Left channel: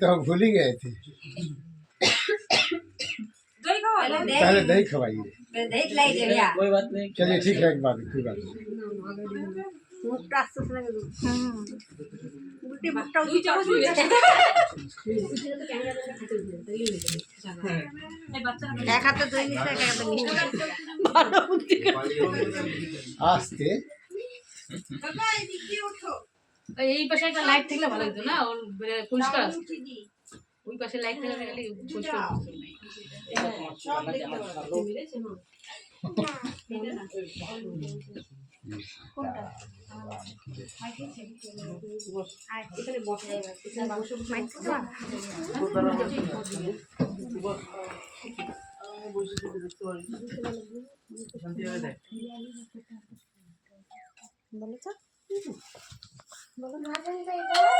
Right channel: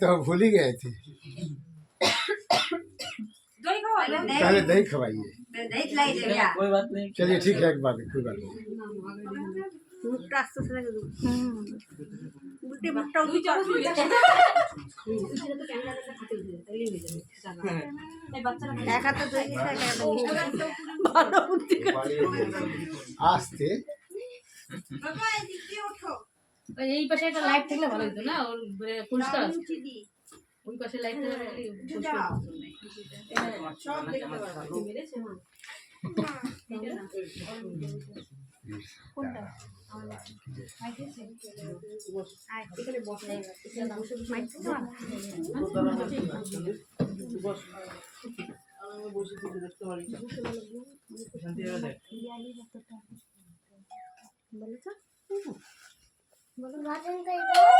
तो हम भूल ही गए थे। पहले दही खवाइए। कोई बात नहीं, चलिए ठीक है, एक बात कोई बात नहीं। মুখটা আস্তে আস্তে লাগে উল্টে মুখটা উঁচু এক হাতে দই নিচ্ছে এক হাতে মিষ্টি ভালো বুদ্ধি आस्ते এই পাশে একটা লাইট থাকলে ভালো হতো না, ওর পরিষ্কার আছে। ওই পাশে লাইট থাকলে পরিষ্কার সব দেখতে পারবো কোনটা এখানে বসে মাইক দিতে পারো বলো তো বলো